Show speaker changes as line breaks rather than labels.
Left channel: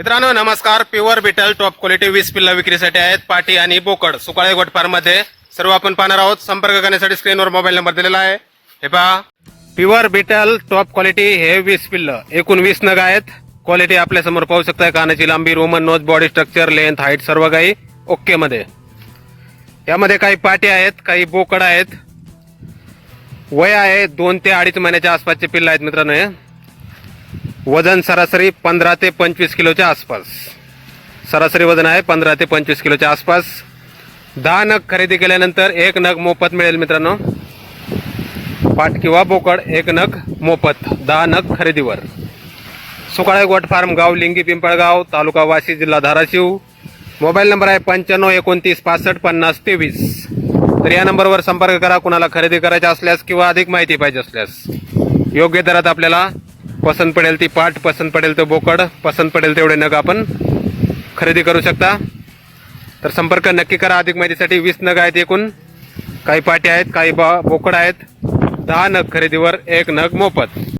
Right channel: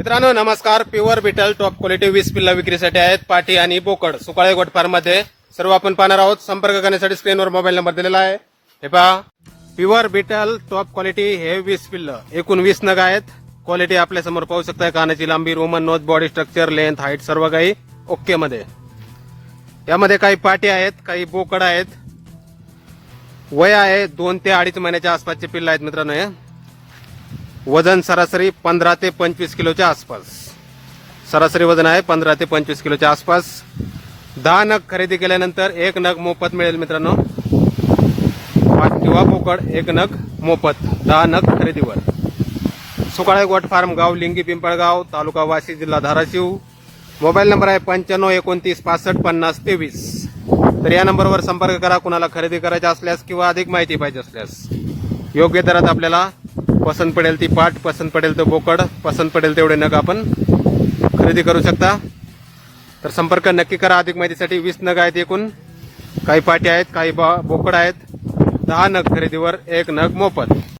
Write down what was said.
मित्रांनो नमस्कार. Pure beetle top quality वीस पिल्ला विक्रीसाठी आहेत. पाटी आणि बोकड सुकाळे गोटफारमध्ये सर्व आपण पाहणार आहोत. संपर्क करण्यासाठी स्क्रीनवर मोबाईल नंबर दिलेला आहे. हे पहा. प्युअर बिटल टॉप क्वालिटी हे वीस पिल्ल. एकूण वीस नग आहेत. क्वालिटी आपल्यासमोर पाहू शकताय कानाची लांबी Roman nose body structure length height सर्व काही ओके मध्ये. यामध्ये काही पाटी आहेत काही बोकड आहेत. वय आहे दोन ते अडीच महिन्याच्या आसपासचे पिल्ल आहेत मित्रांनो हे. वजन सरासरी पंधरा ते पंचवीस किलोच्या आसपास. सरासरी वजन आहे पंधरा ते पंचवीस किलोच्या आसपास. दहा नग खरेदी केल्यानंतर एक नग मोफत मिळेल मित्रांनो. पाट किंवा बोकड एक नग मोफत दहा नग खरेदीवर. सुकाळे गोट फार्म गाव लिंगी पिंपळगाव तालुका वाशी जिल्हा धाराशिव. मोबाईल नंबर आहे पंच्याण्णव एकोणतीस पासष्ट पन्नास तेवीस. तर या नंबरवर संपर्क करा कुणाला खरेदी करायचा असल्यास किंवा अधिक माहिती पाहिजे असल्यास. योग्य दरात आपल्याला पसंत पडेल ती पाट पसंत पडेल तो बोकड पसंत पडेल तेवढे नग आपण खरेदी करू शकता. तर संपर्क नक्की करा अधिक माहितीसाठी. वीस नग आहेत एकूण. काही पाट्या आहेत काही बा बोकड आहेत. दहा नग खरेदीवर एक नग मोफत.